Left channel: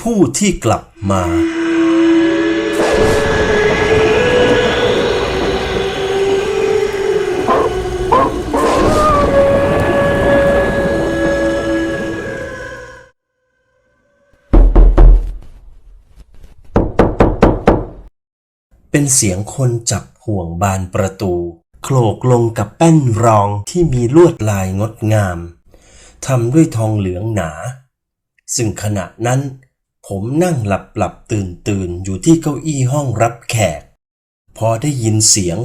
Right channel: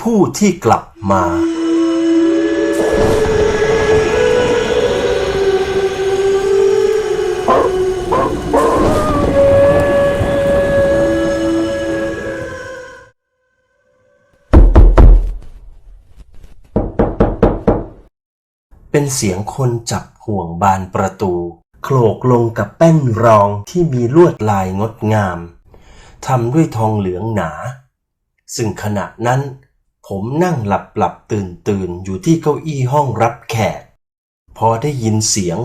ผู้ที่กลับมา เป็นเสียงคนจับห่วงบานประตู โขลกลงกับแป้นรองที่มีลวดลายงดงามทำด้วยทองเหลืองหนา ซึ่งขณะนั้น ผมนั่งหลับหลับตื่นตื่นอยู่ที่เก้าอี้ห้องรับแขก พอได้ยินเสียง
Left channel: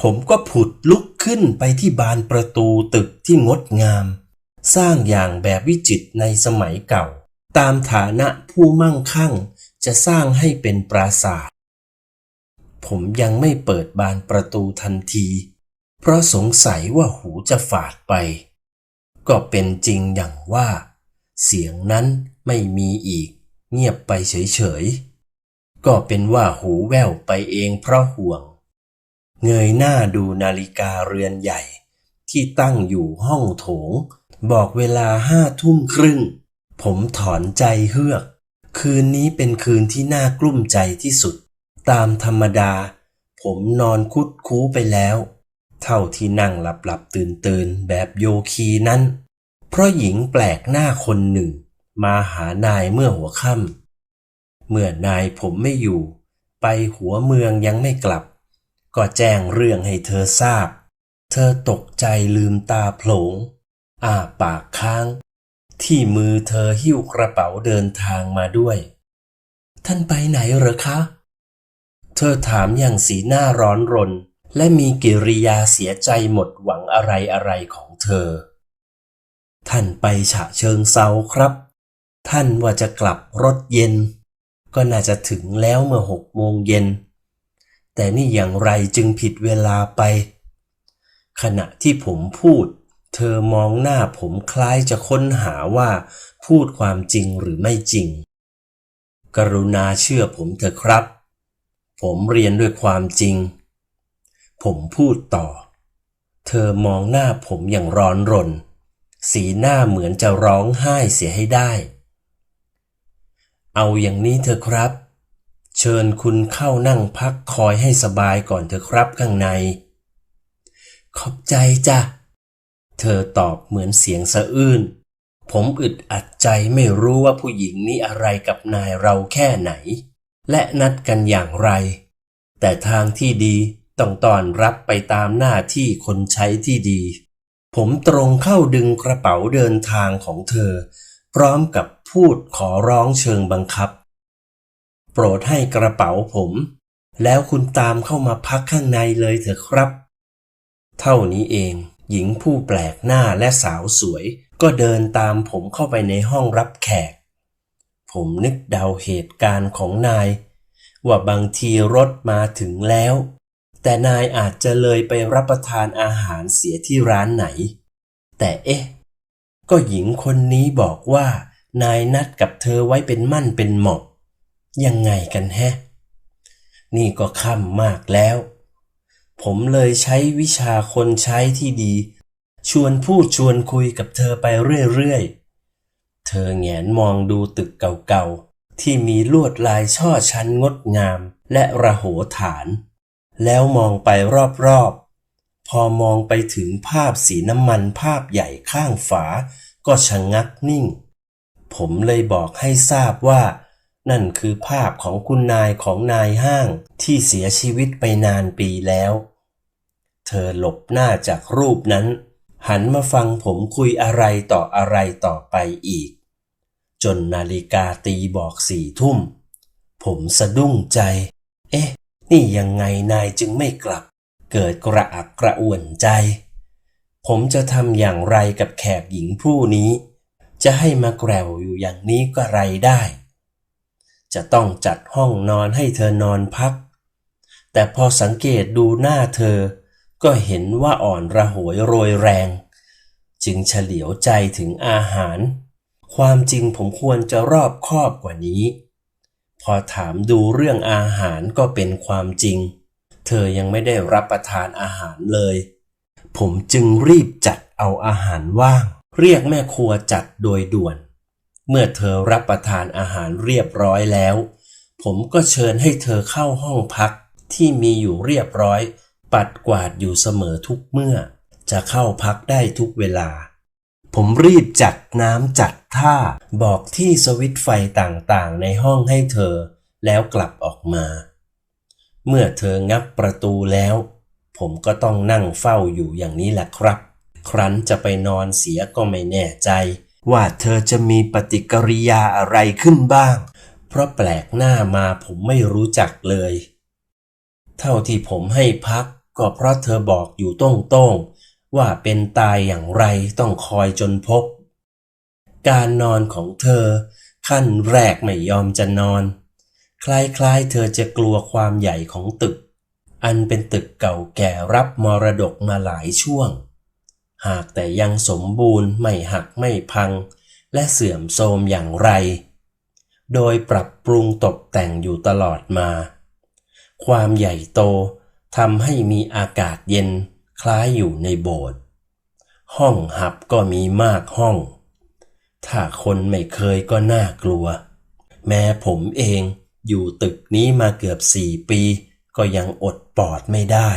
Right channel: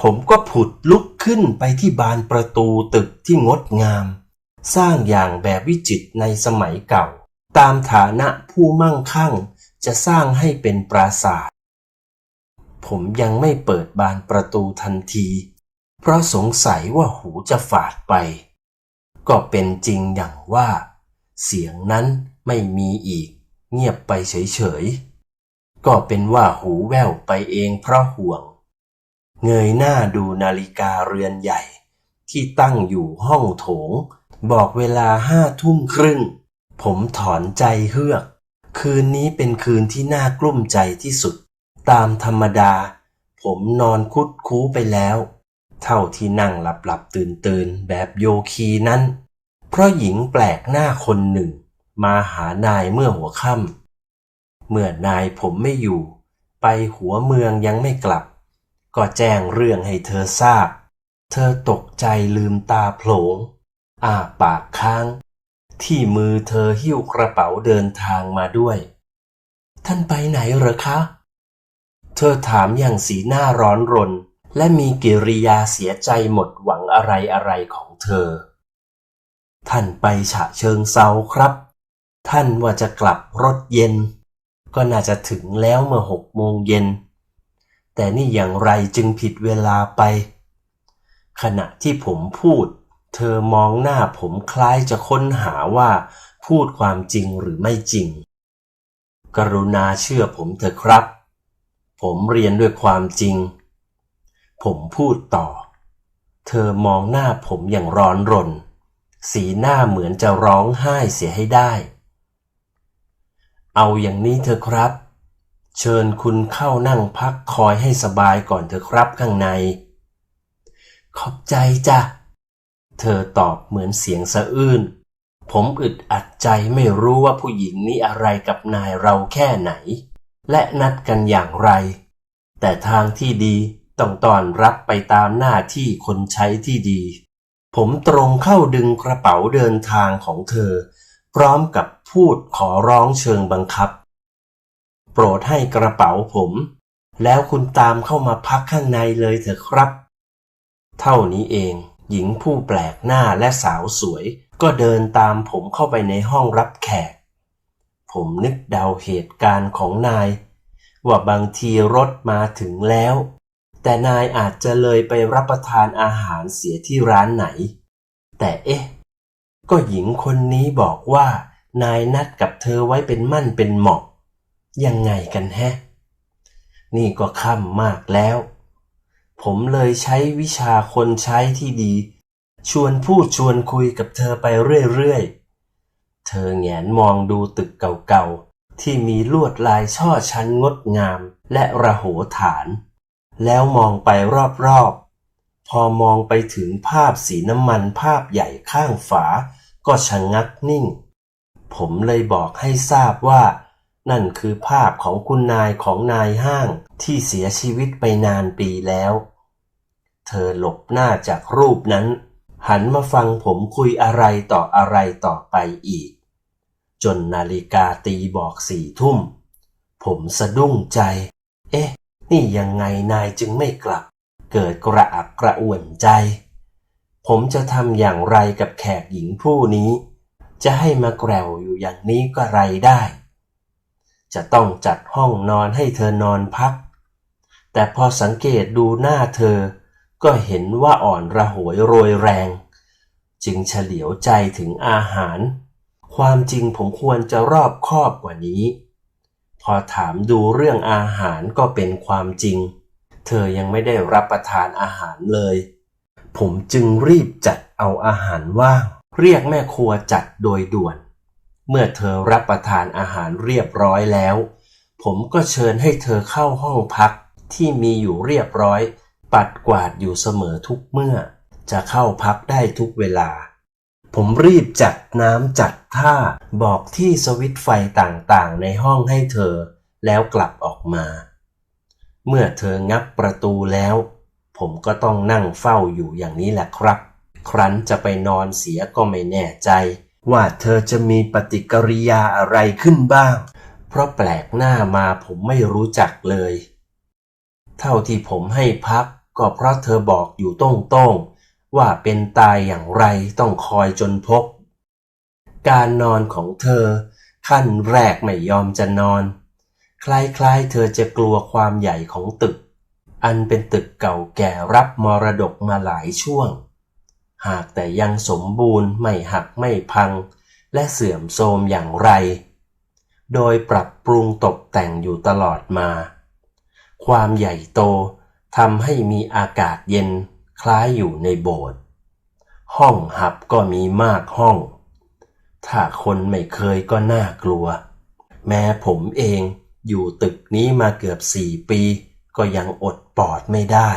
ผมก็ผุดลุกขึ้นไปที่บานประตูตึกที่งดงาม สร้างอย่างแบบวิจิตรในสมัยเก่า ตามฐานะผู้มั่งคั่งจะสร้างให้เป็นปราสาท ผมยังไม่เปิดบานประตูทันที เพราะสงสัยว่าหูจะฝาดไป ก็เป็นจริงอย่างว่า เสียงนั้นไม่มีอีก เงียบไปเฉยๆ ก็เป็นว่าหูแว่วไปเองเพราะห่วง เงยหน้าดูนาฬิกาเรือนใหญ่ ที่ตั้งอยู่ห้องโถง บอกเวลาห้าทุ่มครึ่ง ผมถอนใจเฮือก คืนนี้เป็นคืนที่น่ากลุ้มใจที่สุด ตามธรรมดา ผมนอนคุดคู้ไปแล้ว เท่าที่นั่งหลับหลับตื่นตื่นแบบโยคีนั้น เพราะหญิงแปลกหน้าคนหนึ่ง มาหานายเมื่อหัวค่ำเมื่อนายผมไม่อยู่ ไปหัวเมืองยังไม่กลับ ก็แจ้งเรื่องให้เธอทราบ เธอตกใจลืมตาโผลงอ้าปากค้าง ที่มือเธอหิ้วกระเป๋าเดินทางมาด้วย ท่านไปไหนเหรอคะ เธอถามอย่างสีหน้าร้อนรน และมีกิริยาเสียใจหมดหวังอะไรอะไรของเธอ ท่านไปฉะเชิงเซาครับ ท่านว่าจะกลับรถเย็น ก็น่าจะถึงแล้วเมื่อหกโมงเย็น แต่นี่อย่างไรจึงผิดเวลาไป ขณะที่ผมพูด เธอมองหน้าผมคล้ายจะค้นหาว่าพูดความจริงหรือไม่จริง กรุณาเชื่อผมเถอะครับ ผมเรียนด้วยความจริง ผมพูดต่อ เธอมองหน้าผมอย่างร้อนรน สีหน้าเหมือนจะร้องไห้เสียให้ได้ เอาอย่างนี้เถอะครับ เชิญคุณเข้านั่งพักคอยให้สบายก่อนเถอะครับข้างใน ขอบใจจ้ะ เธอตอบเหมือนเสียงสะอื้น ผมอึดอัดใจไม่รู้ว่าผู้หญิงนี้อะไรกับนายเราแค่ไหน และนัดกันอย่างไร แต่ทางที่ดีต้องต้อนรับไปตามหน้าที่คนใช้ที่ดี ผมตรงเข้าดึงกระเป๋าเดินทางของเธอ พร้อมกับพูดขอร้องเชิงบังคับ โปรดให้กระเป๋าผม แล้วคุณตามเข้ามาพักข้างในเลยเถอะครับ เท่านี้เองหญิงผู้แปลกหน้าและสาวสวย ก็เดินตามผมเข้าไปในห้องรับแขก ผมนึกเดาเหตุการณ์ของนาย ว่าบางทีรถมาถึงแล้ว แต่นายอาจจะเลยไปรับประทานอาหารเสียที่ร้านไหน แต่เอ๊ะ ก็หญิงคนนี้บอกว่า นายนัดกับเธอไว้เป็นมั่นเป็นเหมาะ ยังไงกันแฮะ นี่ก็ค่ำมากแล้ว ผมเลยใช้วิชาคนใช้ที่ดี ชวนพูดชวนคุยกับเธอไปเรื่อยๆ เธอแงนมองดูตึกเก่าๆ ที่มีลวดลายช่อชั้นงดงามและระโหฐาน แล้วมองไปรอบๆพอมองไปถึงภาพสีน้ำมันภาพใหญ่ข้างฝา ก็ชะงงักนิ่ง ผมเลยบอกให้ทราบว่า นั่นคือภาพของคุณนายของนายห้างที่เสียชีวิตไปนานปีแล้ว เธอหลบหน้าจากรูปนั้น หันมาฟังผมคุยอะไรต่ออะไรต่อไปอีก จนนาฬิกาตีบอกสี่ทุ่ม ผมสะดุ้งใจ เอ๊ะ นี่ยังไงนายจึงไม่กลับ เกิดกระอักกระอ่วนใจ ผมจะทำอย่างไรกับแขกหญิงผู้นี้ จะให้มาแกรวอยู่อย่างนี้ก็ไรได้ จะต้องจัดห้องนอนให้เธอนอนพัก แต่พอสังเกตดูหน้าเธอ ก็เห็นว่าอ่อนระหวยโรยแรง จึงเฉลียวใจถึงอาหาร ความจริงผมควรจะรอบคอบกว่านี้ พอถามดูเรื่องอาหารก็เป็นความจริง เธอยังไม่ได้รับประทานอาหารเลย ผมจึงรีบจัดเอาอาหารว่าง เรียกแม่ครัวจัดโดยด่วน เมื่อเธอรับประทานอาหารเรียบร้อยแล้ว ผมก็เชิญให้เธอเข้าห้องพักที่มีอยู่เรียบร้อย ปัดกวาดอยู่เสมอทุกเมื่อ จะเข้าพักได้ทุกเวลา ผมรีบจัดน้ำจัดท่าบอกที่สวิตไฟต่างๆ ในห้องให้เธอ แล้วกลับออกมา เมื่อเธองับประตูแล้ว ผมก็ต้องนั่งเฝ้าอยู่อย่างนี้แหละครับ ครั้นจะไปนอนเสียก็ไม่แน่ใจ ว่าเธอจะมีปฏิกิริยาอะไรขึ้นบ้าง เพราะแปลกหน้ามาผมไม่รู้จักเลย เท่าที่ผมให้พักก็เพราะเธอบอกอยู่ตรงๆว่าเป็นตายอย่างไรต้องคอยจนพบ การนอนของเธอ ขั้นแรกไม่ยอมจะนอน คล้ายๆ เธอจะกลัวความใหญ่ของตึก อันเป็นตึกเก่าแก่รับมรดกมาหลายช่วง หากแต่ยังสมบูรณ์ไม่หักไม่พัง และเสื่อมโทรมอย่างไร โดยปรับปรุงตกแต่งอยู่ตลอดมา ความใหญ่โตทำให้มีอากาศเย็นคล้ายอยู่ในโบสถ์ห้องหับก็มีมากห้อง ถ้าคนไม่เคยก็น่ากลัว แม้ผมเองอยู่ตึกนี้มาเกือบสี่ปี ก็ยังอด ปอดไม่ได้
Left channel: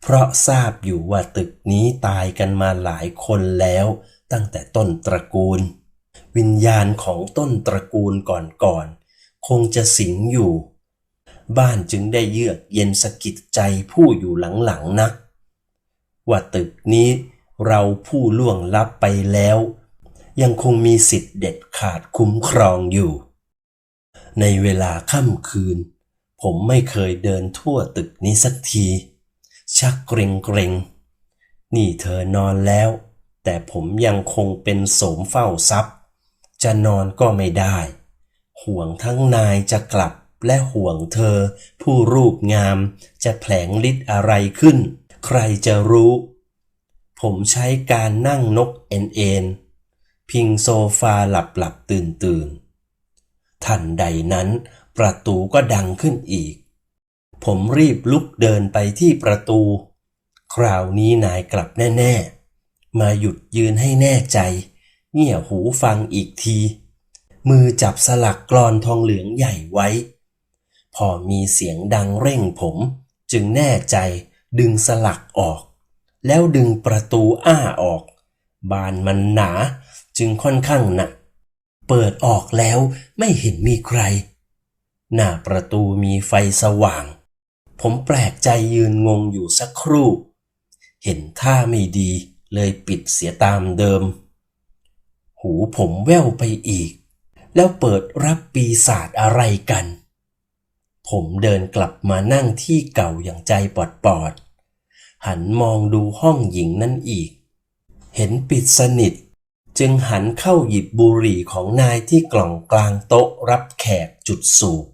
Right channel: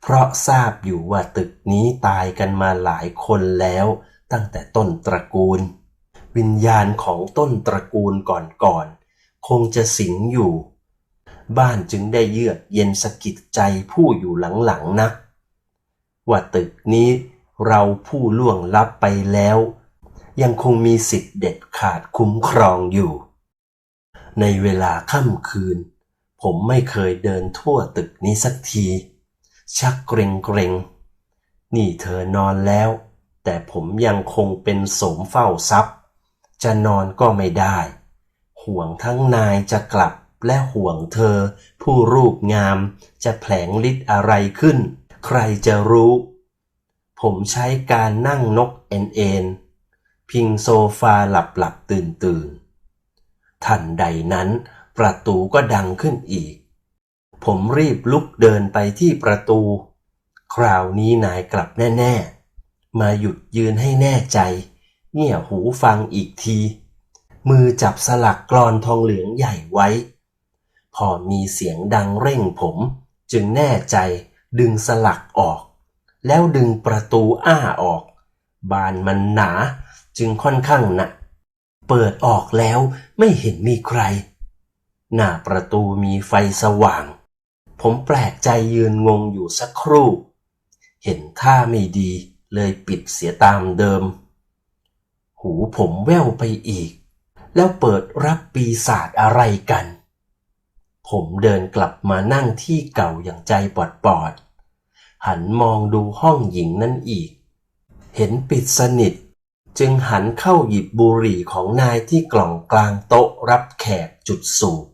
เพราะทราบอยู่ว่าตึกนี้ตายกันมาหลายคนแล้วตั้งแต่ต้นตระกูล วิญญาณของต้นตระกูลก่อนๆคงจะสิงอยู่ บ้านจึงได้เยือกเย็นสะกิดใจผู้อยู่หลังๆนักว่าตึกนี้เราผู้ล่วงลับไปแล้ว ยังคงมีสิทธิ์เด็ดขาดคุ้มครองอยู่ ในเวลาค่ำคืน ผมไม่เคยเดินทั่วตึกนี้สักที ชักเกรงเกรงนี่เธอนอนแล้ว แต่ผมยังคงเป็นโสมเฝ้าทรัพย์ จะนอนก็ไม่ได้ ห่วงทั้งนายจะกลับและห่วงเธอ ผู้รูปงามจะแผลงฤทธิ์อะไรขึ้น ใครจะรู้ ผมใช้การนั่งนกเอ็นเอ็นพิงโซฟาหลับหลับตื่นตื่นทันใดนั้น ประตูก็ดังขึ้นอีก ผมรีบลุกเดินไปที่ประตู คราวนี้นายกลับแน่ๆ มาหยุดยืนให้แน่ใจ เงี่ยหูฟังอีกที มือจับสลักกรอนทองเหลืองใหญ่ไว้ พอมีเสียงดังเร่งผม จึงแน่ใจดึงสลักออก แล้วดึงประตูอ้าออก บานมันหนาจึงค่อนข้างหนัก เปิดออกแล้วไม่เห็นมีใคร หน้าประตูมีไฟสว่าง ผมแปลกใจยืนงงอยู่สักครู่ เห็นท่าไม่ดีเลยปิดเสียตามเดิม หูผมแว่วไปอีก แล้วเปิดรับปีศาจอะไรกัน ผมเดินกลับมานั่งที่เก่าอย่างใจปอดปอดๆหันมองดูห้องหญิงนั่นอีก เห็นปิดสนิทจึงหันเข้าหยิบบุหรี่ของนายที่กล่องกลางโต๊ะรับแขกจุดสูบ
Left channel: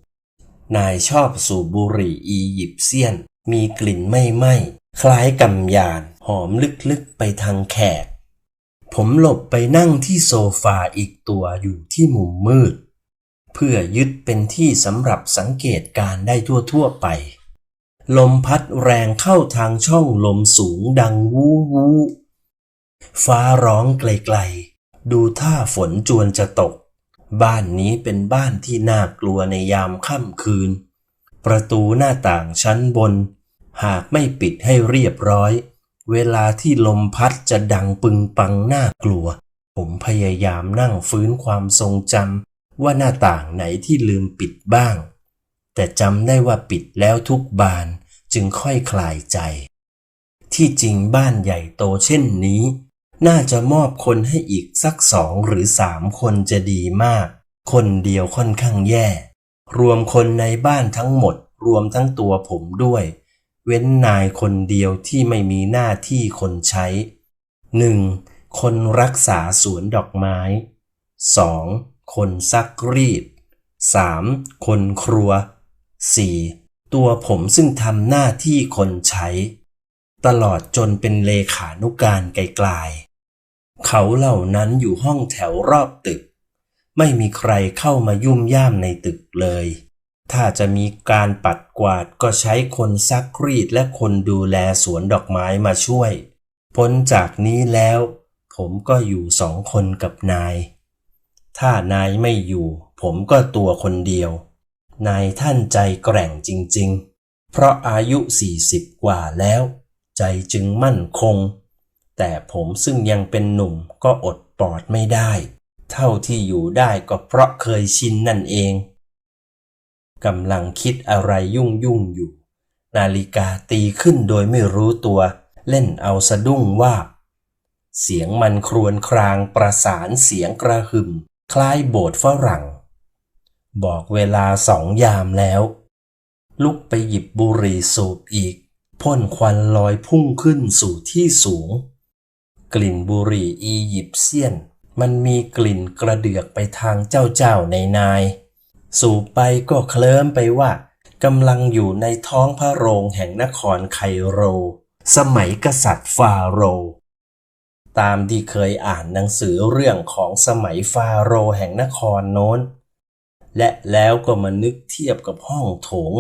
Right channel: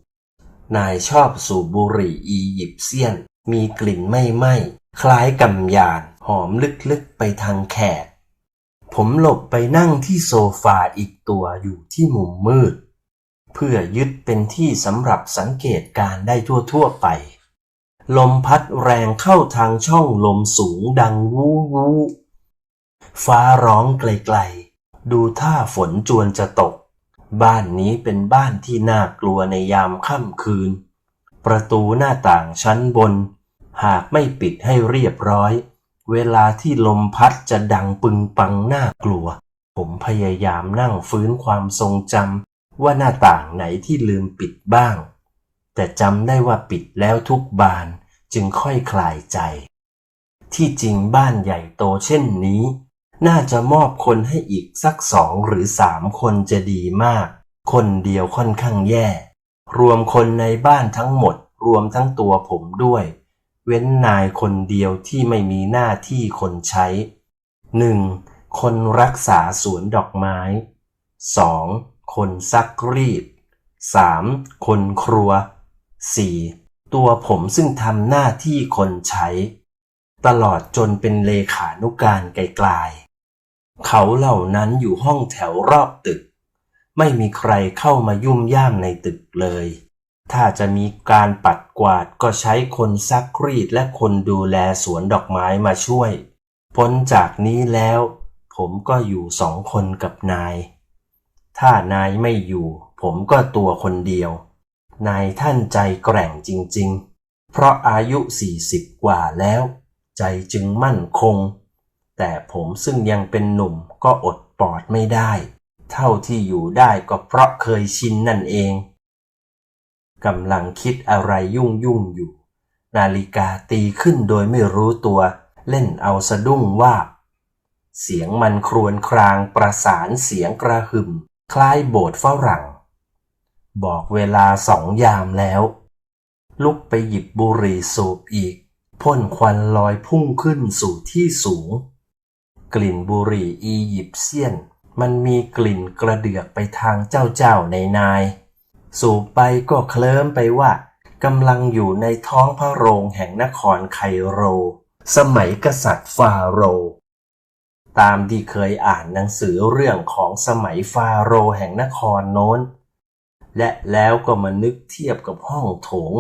นายชอบสูบบุหรี่อียิปเซียน มีกลิ่นไม่ไหม้คล้ายกำยาน หอมลึกๆไปทางแขก ผมหลบไปนั่งที่โซฟาอีกตัวอยู่ที่มุมมืด เพื่อยึดเป็นที่สำหรับสังเกตการได้ทั่วๆไป ลมพัดแรงเข้าทางช่องลมสูงดังวู้วู้ฟ้าร้องไกลๆ ดูท่าฝนจวนจะตก บ้านนี้เป็นบ้านที่น่ากลัวในยามค่ำคืน ประตูหน้าต่างชั้นบน หากไม่ปิดให้เรียบร้อย เวลาที่ลมพัดจะดังปึงปังน่ากลัว ผมพยายามนั่งฟื้นความทรงจำว่าหน้าต่างไหนที่ลืมปิดบ้าง แต่จำได้ว่าปิดแล้วทุกบานจึงค่อยคลายใจ ที่จริงบ้านใหญ่โตเช่นนี้ น่าจะมอบคนให้อีกสักสองหรือสามคนจะดีมาก คนเดียวค่อนข้างแย่ รวมคนในบ้านทั้งหมด รวมทั้งตัวผมด้วย เว้นนายคนเดียวที่ไม่มีหน้าที่คนใช้ 1. คนรักษาสวนดอกไม้ 2. คนซักรีด 3. คนครัว 4. ตัวผมซึ่งทำหน้าที่คนใช้ ตลอดจนเป็นเลขานุการไกลๆ เขาเหล่านั้นอยู่ห้องแถวรอบตึก ไม่มีใครเข้ามายุ่มย่ามในตึกเลย ถ้าจะมีการปัดกวาดก็ใช้คนซักรีดและคนดูแลสวนดอกไม้มาช่วย พ้นจากนี้แล้ว ผมก็อยู่สองคนกับนาย ถ้านายไม่อยู่ ผมก็ตัวคนเดียว นายท่านใจแกร่งจริง ๆ เพราะอายุสี่สิบกว่าแล้ว ใจจึงมั่นคง แต่ผมซึ่งยังเป็นหนุ่มก็อดปอดไม่ได้ เท่าที่อยู่ได้ก็เพราะเคยชินนั่นเองกำลังคิดอะไรยุ่งยุ่งอยู่ นาฬิกาตีขึ้นโดยไม่รู้ตัว เล่นเอาสะดุ้งวาบเสียงมันครวญครางประสานเสียงกระหึ่ม คล้ายโบสถ์ฝรั่ง บอกเวลาสองยามแล้ว ลุกไปหยิบบุหรี่สูบอีกพ่นควันลอยพุ่งขึ้นสู่ที่สูง กลิ่นบุหรี่อียิปเซียน มันมีกลิ่นกระเดือกไปทางเจ้าเจ้าในนาย สูบไปก็เคลิ้มไปว่ากำลังอยู่ในท้องพระโรงแห่งนครไคโร สมัยกษัตริย์ฟาโร ตามที่เคยอ่านหนังสือเรื่องของสมัยฟาโรแห่งนครโน้น และแล้วก็มานึกเทียบกับห้องโถง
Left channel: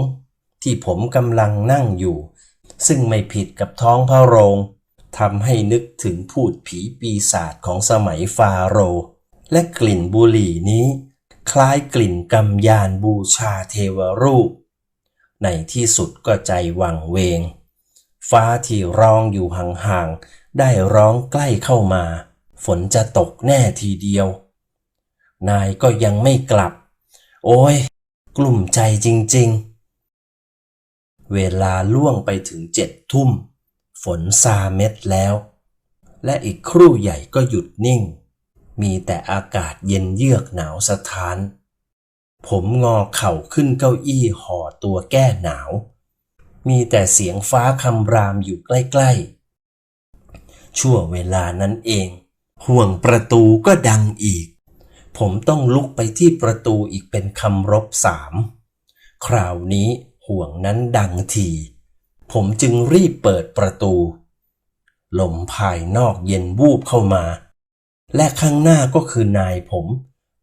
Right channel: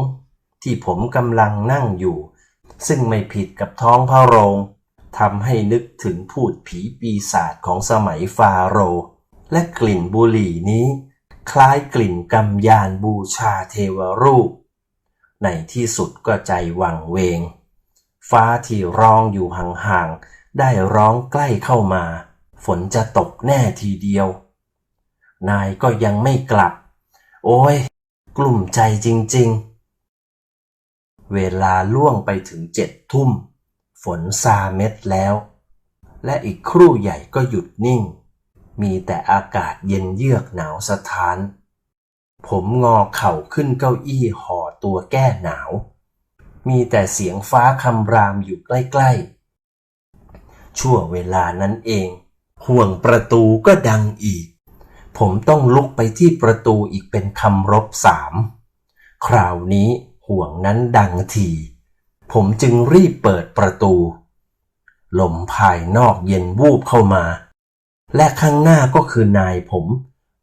ที่ผมกำลังนั่งอยู่ ซึ่งไม่ผิดกับท้องพระโรง ทำให้นึกถึงพูดผีปีศาจของสมัยฟาโรห์และกลิ่นบุหรี่นี้ คล้ายกลิ่นกำยานบูชาเทวรูป ในที่สุดก็ใจวังเวง ฟ้าที่ร้องอยู่ห่างๆ ได้ร้องใกล้เข้ามา ฝนจะตกแน่ทีเดียว นายก็ยังไม่กลับ โอ้ย กลุ่มใจจริงๆ เวลาล่วงไปถึงเจ็ดทุ่ม ฝนซาเม็ดแล้ว และอีกครู่ใหญ่ก็หยุดนิ่ง มีแต่อากาศเย็นเยือกหนาวสะท้าน ผมงอเข่าขึ้นเก้าอี้ห่อตัวแก้หนาว มีแต่เสียงฟ้าคำรามอยู่ใกล้ๆ ชั่วเวลานั้นเอง ห่วงประตูก็ดังอีก ผมต้องลุกไปที่ประตูอีกเป็นคำรบสาม คราวนี้ห่วงนั้นดังที ผมจึงรีบเปิดประตู ลมภายนอกเย็นวูบเข้ามา และข้างหน้าก็คือนายผม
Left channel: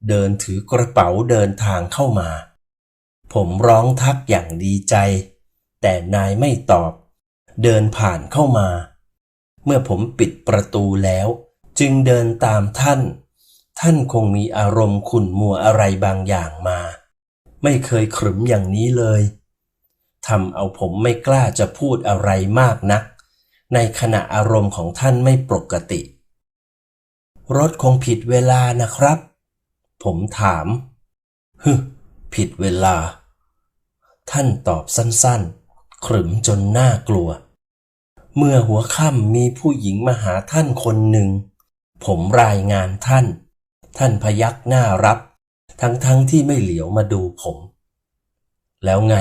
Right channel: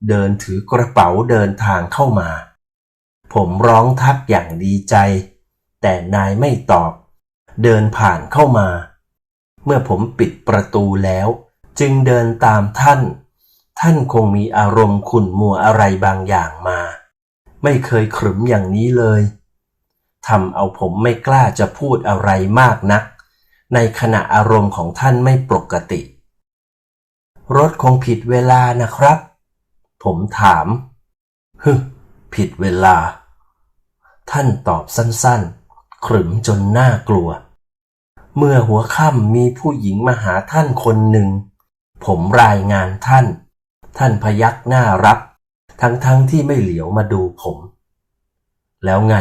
เดินถือกระเป๋าเดินทางเข้ามา ผมร้องทักอย่างดีใจ แต่นายไม่ตอบ เดินผ่านเข้ามา เมื่อผมปิดประตูแล้ว จึงเดินตามท่าน ท่านคงมีอารมณ์ขุ่นมัวอะไรบางอย่างมา ไม่เคยขรึมอย่างนี้เลย ทำเอาผมไม่กล้าจะพูดอะไรมากนัก ในขณะอารมณ์ของท่านไม่ปกติ รถคงผิดเวลานะครับ ผมถามฮึผิดเวลา ท่านตอบสั้นๆ ขรึมจนน่ากลัว เมื่อหัวค่ำมีผู้หญิงมาหาท่านคนหนึ่ง ผมรายงานท่าน ท่านพยักหน้ารับ ทั้งๆทที่ไม่เหลียวมาดูผม แล้วไง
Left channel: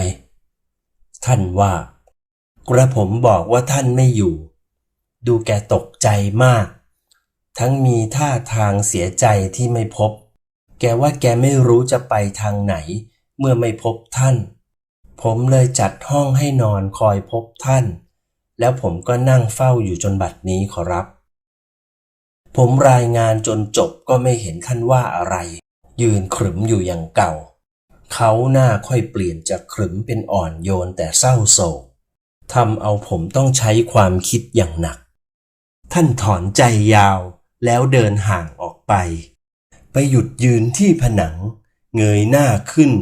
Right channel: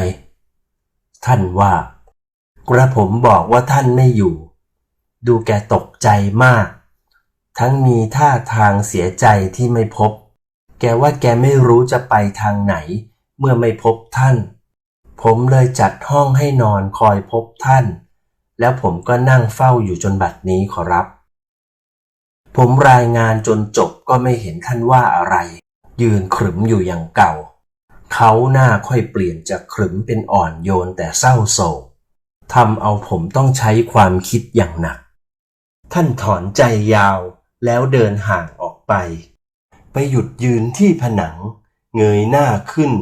ท่านว่า กระผมบอกว่าท่านไม่อยู่ ดูแกตกใจมาก ทั้งมีท่าทางเสียใจที่ไม่พบ แกว่าแกไม่รู้จะไปทางไหน เมื่อไม่พบท่าน ผมเลยจัดห้องให้นอนคอยพบท่าน แล้วผมก็นั่งเฝ้าอยู่จนบัดนี้ขอรับ ผมรายงานจนจบก็ไม่เห็นท่านว่าอะไร ยืนขรึมอยู่อย่างเก่า เขาหน้าค่อยเปลี่ยนจากขรึมเป็นอ่อนโยนแต่เศร้าโศกทำเอาผมต้องใช้ความคิดอย่างหนัก ท่านถอนใจยาวแล้วเดินห่างออกไป ไปหยุดยืนที่ผนัง เงยหน้าขึ้น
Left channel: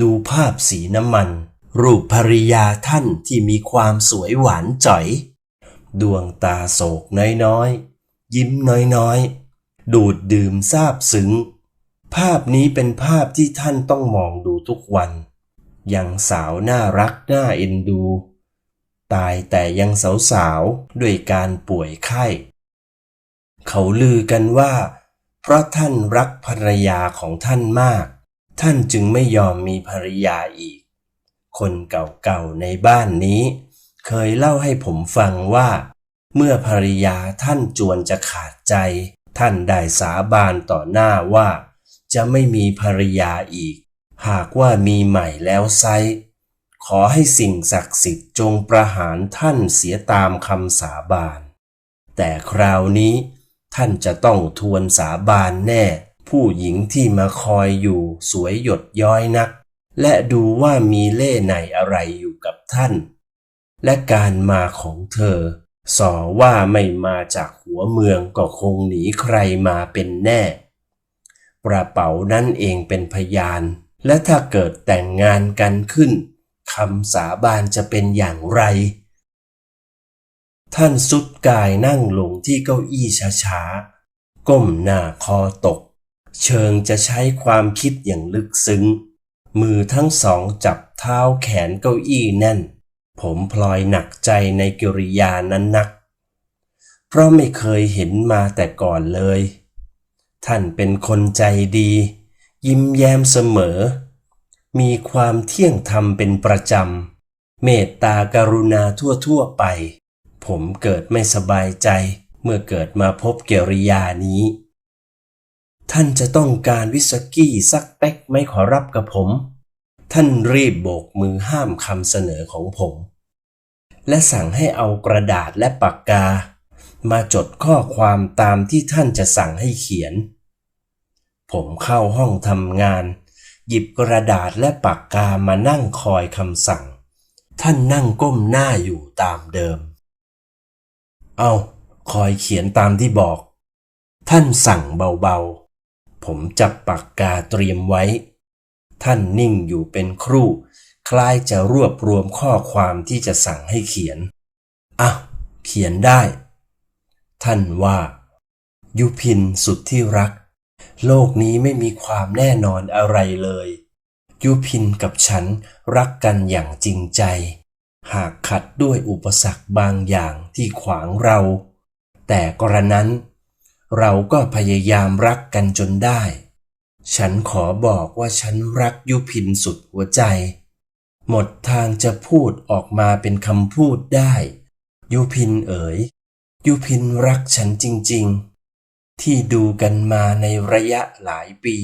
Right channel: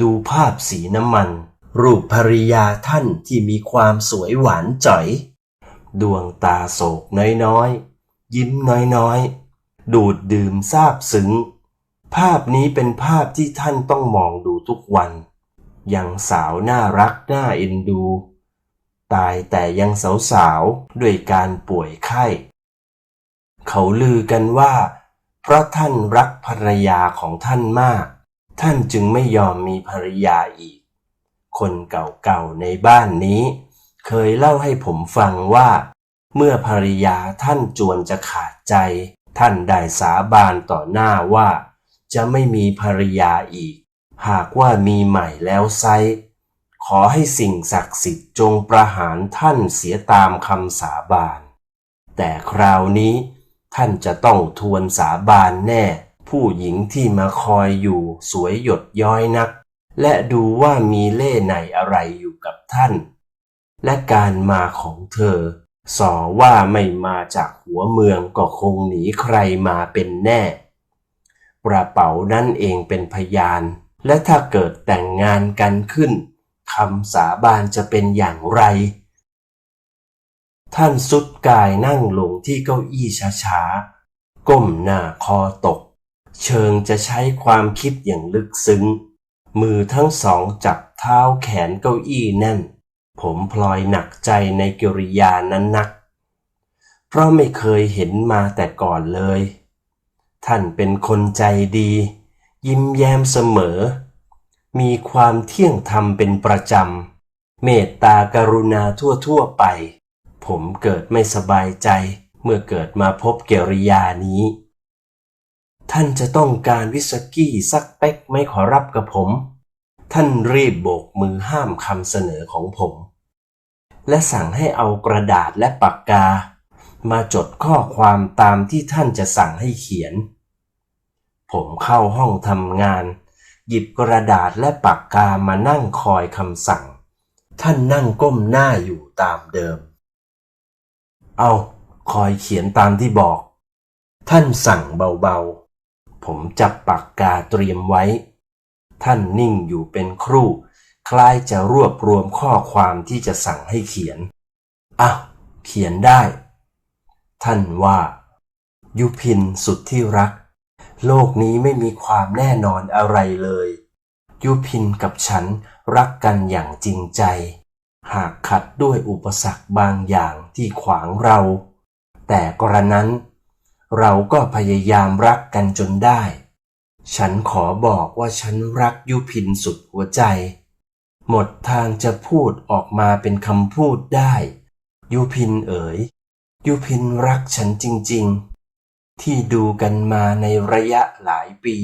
ดูภาพสีน้ำมัน รูปภริยาท่านที่มีความสวยหวานจ่อย ดวงตาโศกน้อยๆ ยิ้มน้อยๆ ดูดดื่มซาบซึ้ง ภาพนี้เป็นภาพที่ท่านต้องมองดูทุกวัน ยังสาวน่ารักน่าเอ็นดู ตายแต่ยังสาวๆด้วยการป่วยไข้ เขาลือกันว่า เพราะท่านรักภรรยาของท่านมาก ท่านจึงไม่ยอมมีภรรยาอีก คนเก่าๆในบ้านนี้ เคยเล่าให้ผมฟังว่า เมื่อภรรยาท่านจวนจะขาดใจ ท่านได้สาบานต่อหน้าว่า จะไม่มีภรรยาอีก หากว่ามีใหม่แล้วไซขอให้สิ่งศักดิ์สิทธิ์จงประหารท่านเสียตามคำสาบาน แต่คราวนี้ท่านจะต้องทวนสาบานแน่ ผู้หญิงที่มาคอยอยู่สวยหยดย้อยนัก และดูว่ามีเล่ห์ไหนอะไรอยู่กับท่าน และการมาของเธอสอว่าไม่มาจากหัวเมืองก็คงหนีใครมาเป็นแน่ กระเป๋านั่นเองเป็นพยาน และถ้าเกิดแต่งงานกันขึ้นคำสาบานจะเป็นอย่างไร ท่านสุดกายนั่งลงที่เก้าอี้ช้าๆ ก้มหน้าคอตก เชิงจะใช้ความคิดอย่างลึกซึ้ง มือทั้งสองจับเท้าแขนเก้าอี้แน่น ผมพลอยหนักใจในกิริยานั้นนัก เพราะไม่เคยเห็นมาแต่ก่อนเลย ท่านเป็นคนใจดี ยิ้มแย้มเสมอ มีความเที่ยงธรรมเป็นประจำ เมตตากรุณาทั่วๆไป ผมเกิดไม่สบายใจเมื่อเกิดมาพบเกริยานี้ ท่านจะต้องการวิสกี้สักเป๊กไม่ขอรับกับผม ท่านรีบโบกมือห้ามคำเสนอของผม และสั่งให้เอากระดาษและปากกา มาจดข้อความตามที่ท่านจะสั่งให้เขียน ผมเข้าห้องทำงาน หยิบกระดาษและปากกามานั่งคอยคำสั่ง ท่านนั่งก้มหน้าอยู่ตามเดิม เอาคอยเขียนตามที่บอก ท่านสั่งเบาๆ ผมจับปากกาเตรียมไว้ ท่านนิ่งอยู่เป็นครู่ คล้ายจะรวบรวมข้อความที่จะสั่งให้เขียนอะเขียนได้ ท่านว่า ยุพินสุดที่รัก โลกนี้ไม่มีความแน่นอนอะไรเลย ยุพินกับฉันรักกันอย่างจริงใจ หากขัดด้วยอุปสรรคบางอย่างที่ขวางเรา แต่กระนั้น เราก็พยายามรักกันจนได้ ฉันขอบอกว่าฉันรักยุพินสุดหัวใจ หมดทางจะพูดออกมาเป็นคำพูดได้ ยุพินเอ๋ย ยุพินรักฉันจริง ๆ ที่ดูกันมาในระยะหลายปี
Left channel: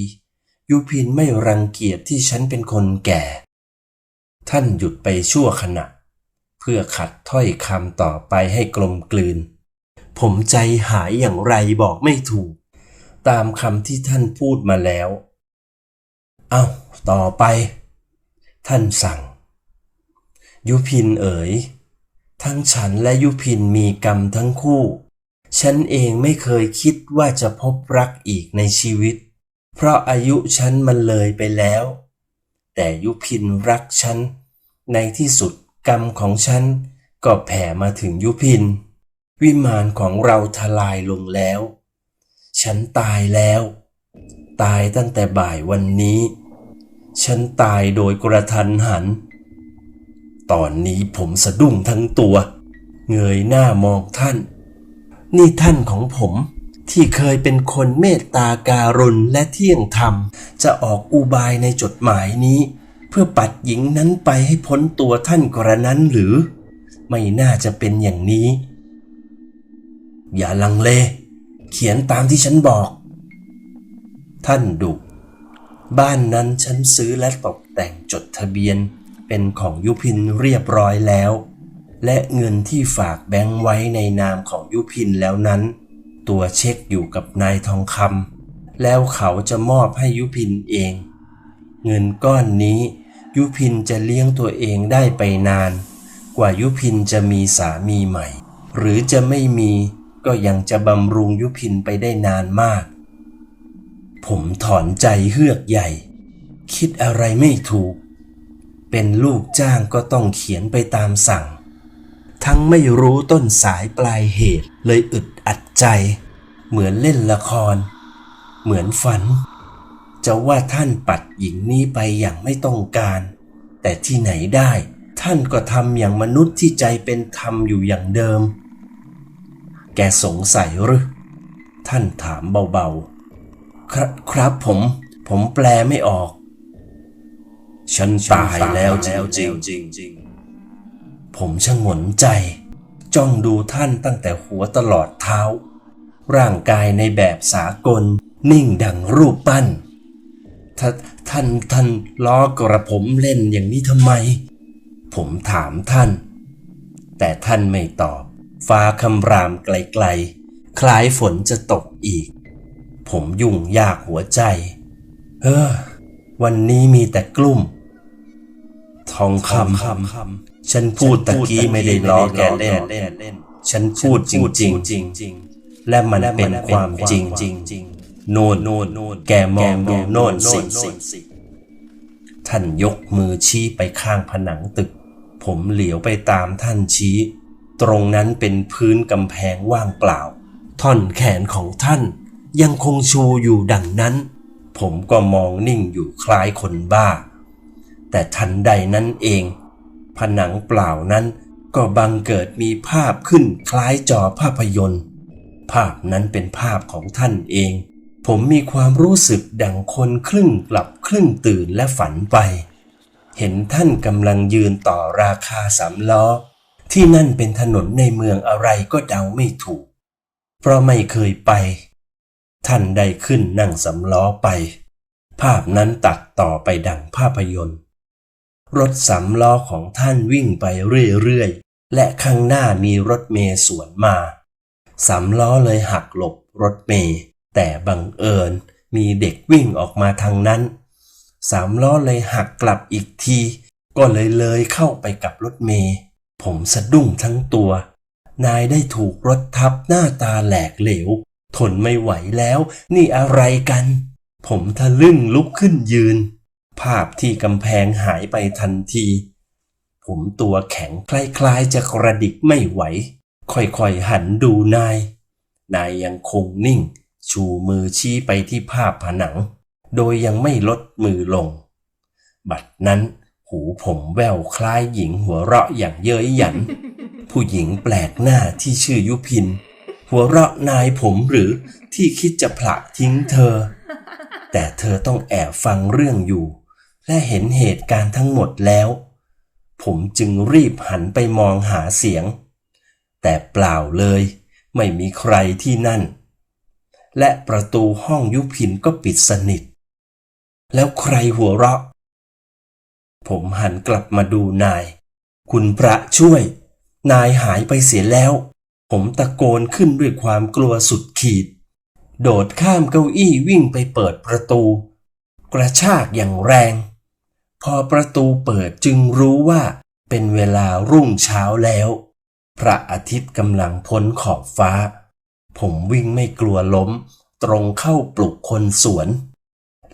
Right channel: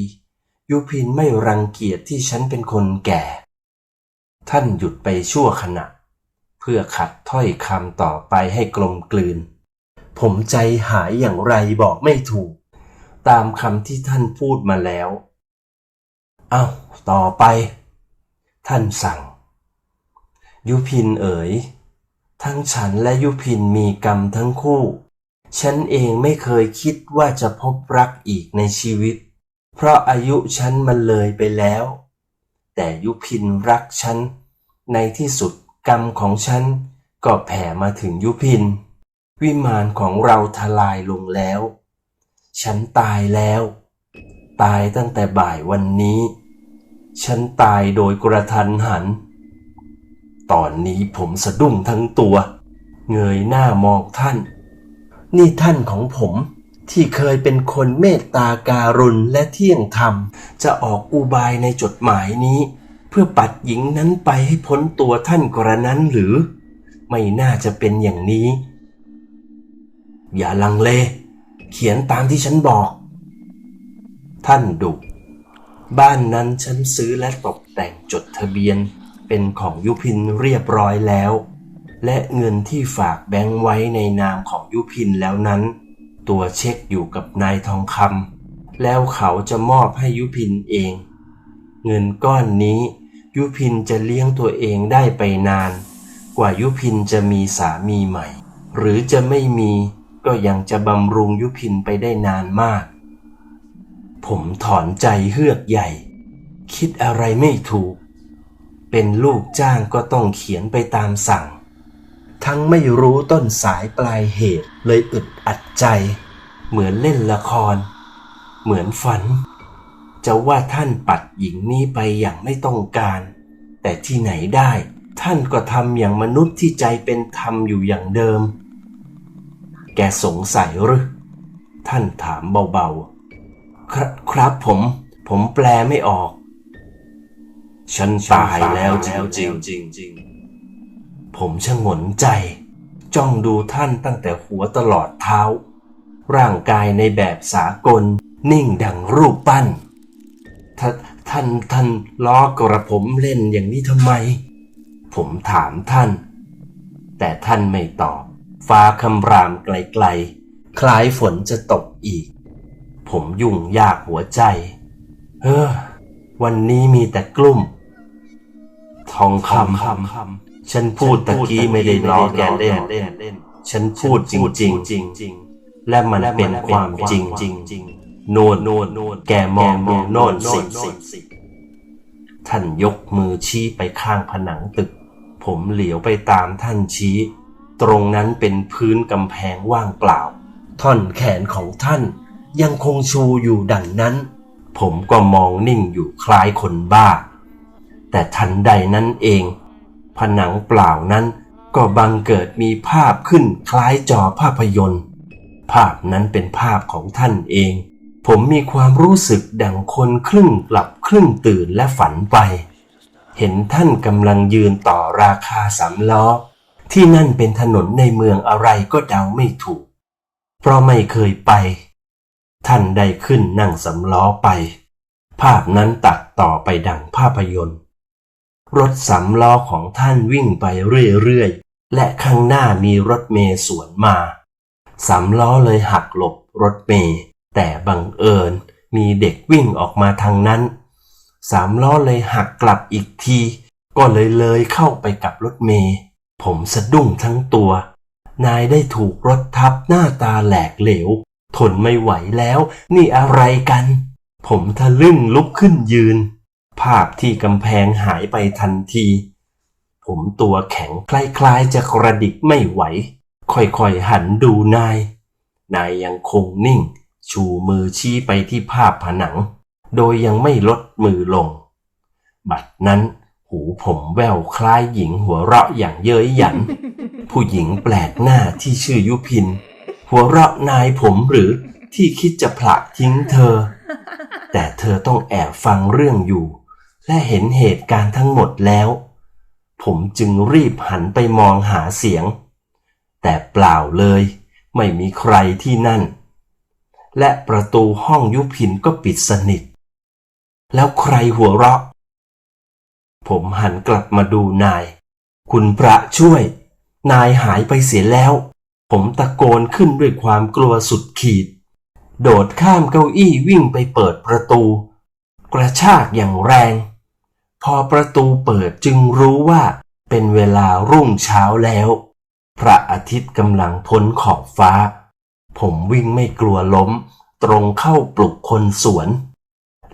ยุพินไม่รังเกียจที่ฉันเป็นคนแก่ ท่านหยุดไปชั่วขณะ เพื่อขัดถ้อยคำต่อไปให้กลมกลืน ผมใจหายอย่างไรบอกไม่ถูก ตามคำที่ท่านพูดมาแล้ว เอา้า ต่อไป ท่านสั่ง ยุพินเอ๋ย ทั้งฉันและยุพินมีกรรมทั้งคู่ ฉันเองไม่เคยคิดว่าจะพบรักอีกในชีวิต เพราะอายุฉันมันเลยไปแล้ว แต่ยุพินรักฉัน ในที่สุดกรรมของฉันก็แผ่มาถึงยุพิน วิมานของเราทลายลงแล้ว ฉันตายแล้ว ตายตั้งแต่บ่ายวันนี้ ฉันตายโดยกระทันหัน ตอนนี้ผมสะดุ้งทั้งตัว เงยหน้ามองท่าน นี่ท่านของผมที่เคยเป็นคนเมตตาการุณและเที่ยงธรรม จะออกอุบายในจดหมายนี้ เพื่อปัดหญิงนั้นไปให้พ้นตัวท่านกระนั้นหรือ ไม่น่าจะเป็นอย่างนี้ อย่าลังเล เขียนตามที่ฉันบอก ท่านดุบ้านนั้นฉันซื้อและตกแต่งจดทะเบียน เป็นของยุพินเรียบร้อยแล้ว และเงินที่ฝากแบงค์ไว้ในนามของยุพินแล้วนั้น ตัวเช็คอยู่กับนายทองคำแล้วเขาจะมอบให้ยุพินเอง เงินก้อนนี้ ยุพินจะเลี้ยงตัวเองได้ไปนาน กว่ายุพินจะมีสามีใหม่ หรือจะไม่มีก็ยังจะบำรุงยุพินไปได้นานมาก ผมถอนใจเฮือกใหญ่ คิดอะไรไม่ถูก เป็นลูกจ้างก็ต้องเขียนไปตามสั่ง ทั้งไม่รู้ต้นสายปลายเหตุเลยอึดอัดใจ เหมือนเล่นละคร เหมือนฝัน จะว่าท่านปัดหญิงนี้ไปอย่างไม่ต้องการ แต่ที่ไหนได้ ท่านก็ทำอย่างมนุษย์ที่ใจเป็นธรรมอยู่อย่างเดิม แกสงสัยหรือท่านถามเบาๆ ครับครับผม ผมแปลไม่ออก ฉันตายแล้วจริงๆผมชะงนใจ จ้องดูท่านตั้งแต่หัวตลอดเท้า ร่างกายในแบบสากล นิ่งดังรูปปั้นท่าท่านท่านล้อกระผมเล่นอย่างนี้ทำไม ผมถามท่าน แต่ท่านไม่ตอบ ฟ้าคำรามไกลๆ คล้ายฝนจะตกอีก ผมยุ่งยากหัวใจ เฮ้อวันนี้มีแต่กลุ่ม ทองคำฉันพูดตะกี้ไม่ได้ล้อแกเล่น ฉันพูดจริงๆและมันเป็นความจริงโน่นโน่นโน่นแกมองดูโน่นสิท่านยกมือชี้ไปข้างผนังตึก ผมเหลียวไปตามท่านชี้ ตรงนั้นเป็นพื้นกำแพงว่างเปล่า ท่อนแขนของท่านยังคงชูอยู่ดังนั้น ผมก็มองนิ่งอยู่คล้ายคนบ้า แต่ทันใดนั้นเอง ผนังเปล่านั้นก็บังเกิดมีภาพขึ้นคล้ายจอภาพยนตร์ ภาพนั้นเป็นภาพของท่านเอง ผมมีความรู้สึกดังคนครึ่งหลับครึ่งตื่นและฝันไป เห็นท่านกำลังยืนต่อราคาสามล้อ ที่นั่นเป็นถนนในเมืองอะไรก็เดาไม่ถูก เพราะไม่เคยไป ท่านได้ขึ้นนั่งสำล้อไป ภาพนั้นตัดต่อไปดังภาพยนตร์ รถสำล้อของท่านวิ่งไปเรื่อยๆ และข้างหน้ามีรถเมย์สวนมาสำล้อเลยหักหลบรถเมย์แต่บังเอิญมีเด็กวิ่งออกมาทางนั้น สามล้อเลยหักกลับอีกที ก็เลยเลยเข้าไปกับรถเมย์ผมสะดุ้งทั้งตัว นายได้ถูกรถทับหน้าตาแหลกเหลว ทนไม่ไหวแล้ว นี่อะไรกัน ผมทะลึ่งลุกขึ้นยืน ภาพที่กำแพงหายไปทันที ผมตัวแข็งคล้ายๆจะกระดิกไม่ไหว ค่อยๆหันดูนาย นายยังคงนิ่ง ชูมือชี้ไปที่ภาพผนัง โดยยังไม่ลดมือลง บัดนั้นหูผมแววคล้ายหญิงหัวเราะอย่างเย้ยหยัน ผู้หญิงแปลกหน้าที่ชื่อยุพิน หัวเราะนายผมหรือที่คิดจะผละทิ้งเธอ แต่เธอต้องแอบฟังเรื่องอยู่ และเห็นเหตุการณ์ทั้งหมดแล้ว ผมจึงรีบหันไปมองหาเสียง แต่เปล่าเลยไม่มีใครที่นั่น และประตูห้องยุพินก็ปิดสนิท แล้วใครหัวเราะ ผมหันกลับมาดูนาย คุณพระช่วย นายหายไปเสียแล้ว ผมตะโกนขึ้นด้วยความกลัวสุดขีด โดดข้ามเก้าอี้วิ่งไปเปิดประตู กระชากอย่างแรง พอประตูเปิดจึงรู้ว่าเป็นเวลารุ่งเช้าแล้ว พระอาทิตย์กำลังพ้นขอบฟ้า ผมวิ่งไม่กลัวล้ม ตรงเข้าปลุกคนสวน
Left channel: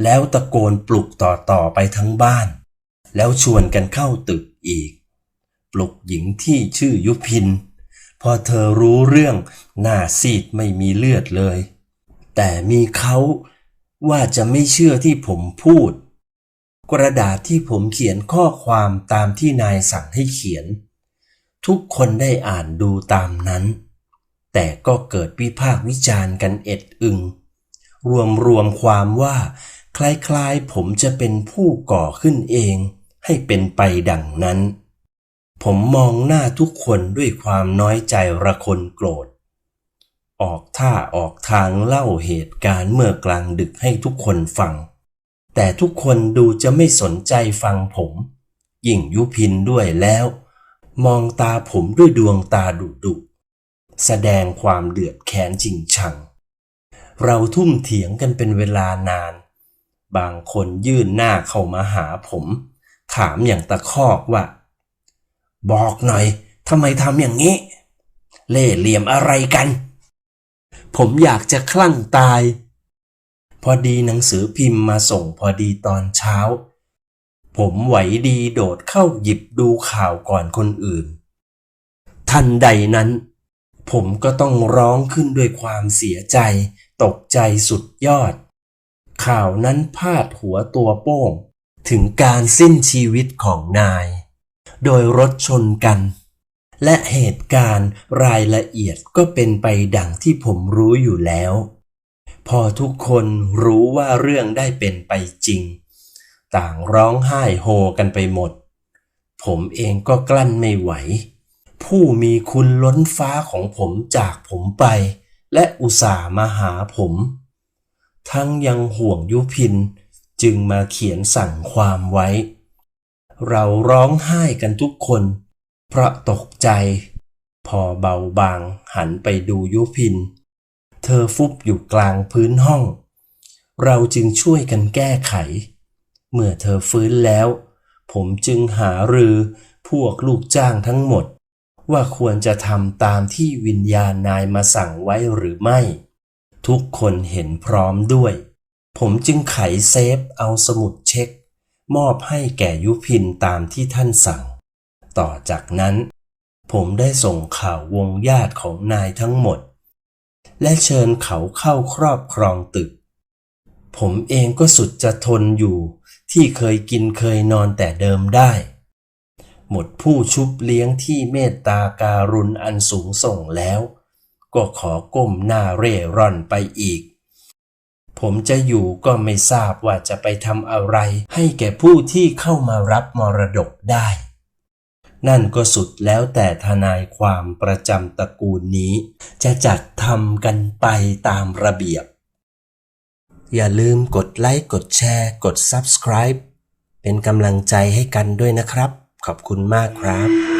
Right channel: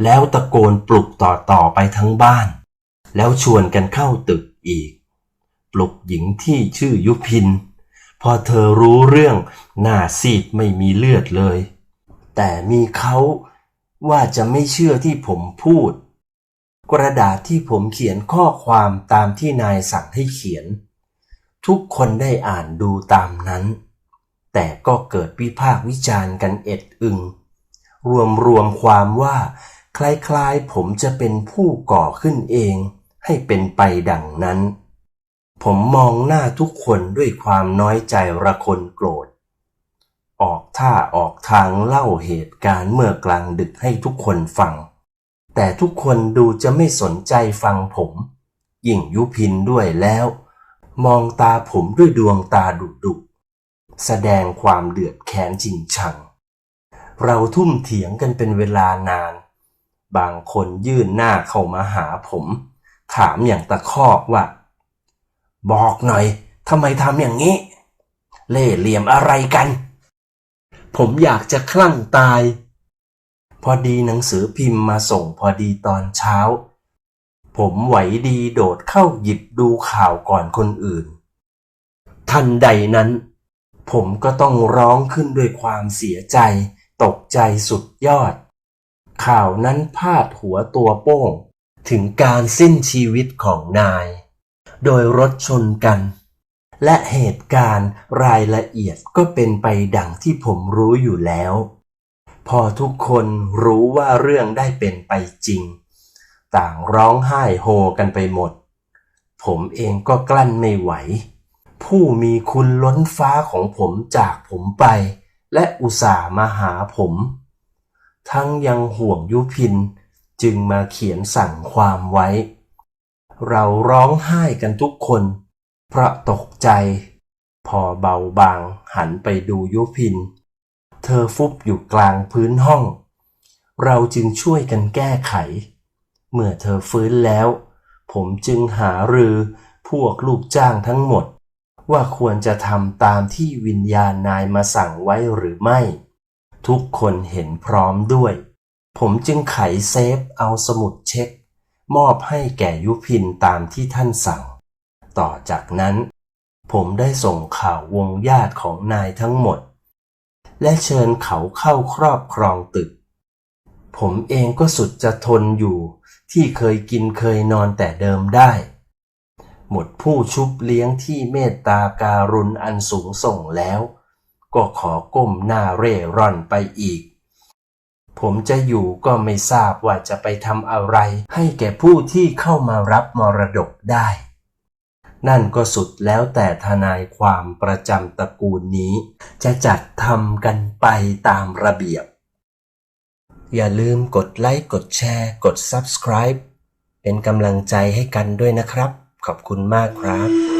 แล้วตะโกนปลุกต่อๆไปทั้งบ้าน แล้วชวนกันเข้าตึกอีก ปลุกหญิงที่ชื่อยุพิน พอเธอรู้เรื่องหน้าซีดไม่มีเลือดเลย แต่มีเขาว่าจะไม่เชื่อที่ผมพูด กระดาษที่ผมเขียนข้อความตามที่นายสั่งให้เขียน ทุกคนได้อ่านดูตามนั้น แต่ก็เกิดวิพากษ์วิจารณ์กันเอ็ดอึง รวมรวมความว่า คล้ายๆผมจะเป็นผู้ก่อขึ้นเอง ให้เป็นไปดังนั้น ผมมองหน้าทุกคนด้วยความน้อยใจระคนโกรธ ออกท่าออกทางเล่าเหตุการณ์เมื่อกลางดึกให้ทุกคนฟัง แต่ทุกคนดูจะไม่สนใจฟังผม ยิ่งยุพินด้วยแล้ว มองตาผมด้วยดวงตาดุดุแสดงความเดือดแค้นจริงชัง เราทุ่มเถียงกันเป็นเวลานาน บางคนยื่นหน้าเข้ามาหาผม ถามอย่างตะคอกว่า บอกหน่อยทำไมทำอย่างนี้ เล่ห์เหลี่ยมอะไรกัน ผมอยากจะคลั่งตาย พอดีหนังสือพิมพ์มาส่งพอดีตอนเช้า ผมไหวดีโดดเข้าหยิบดูข่าวก่อนคนอื่น ทันใดนั้น ผมก็ต้องร้องขึ้นด้วยความเสียใจ ตกใจสุดยอด ข่าวนั้นพาดหัวตัวโป้ง ถึงการสิ้นชีวิตของนาย โดยรถชนกัน และเหตุการณ์รายละเอียดก็เป็นไปดังที่ผมรู้อยู่แล้ว พอทุกคนรู้ว่าเรื่องได้เป็นไปจริง ต่างร้องไห้โฮกันไปหมด ผมเองก็กลั้นไม่ไหว ผู้มีคุณล้นฟ้าของผมจากผมไป และอุตส่าห์มาหาผม ทั้งยังห่วงยุพินจึงมาเขียนสั่งความไว้ เราร้องไห้กันทุกคนเพราะตกใจ พอเบาบางหันไปดูยุพิน เธอฟุบอยู่กลางพื้นห้อง เราจึงช่วยกันแก้ไข เมื่อเธอฟื้นแล้ว ผมจึงหารือพวกลูกจ้างทั้งหมด ว่าควรจะทำตามที่วิญญาณนายมาสั่งไว้หรือไม่ ทุกคนเห็นพร้อมด้วย ผมจึงไขเซฟเอาสมุดเช็ค มอบให้แก่ยุพินตามที่ท่านสั่ง ต่อจากนั้น ผมได้ส่งข่าววงญาติของนายทั้งหมด และเชิญเขาเข้าครอบครองตึก ผมเองก็สุดจะทนอยู่ ที่เคยกินเคยนอนแต่เดิมได้ หมดผู้ชุบเลี้ยงที่เมตตาการุณอันสูงส่งแล้ว ก็ขอก้มหน้าเร่ร่อนไปอีก ผมจะอยู่ก็ไม่ทราบว่าจะไปทำอะไร ให้แก่ผู้ที่เข้ามารับมรดกได้ นั่นก็สุดแล้วแต่ทนายความประจำตระกูลนี้ จะจัดทำกันไปตามระเบียบ อย่าลืมกดไลค์กดแชร์ กด Subscribe เป็นกำลังใจให้กันด้วยนะครับ ขอบคุณมากครับ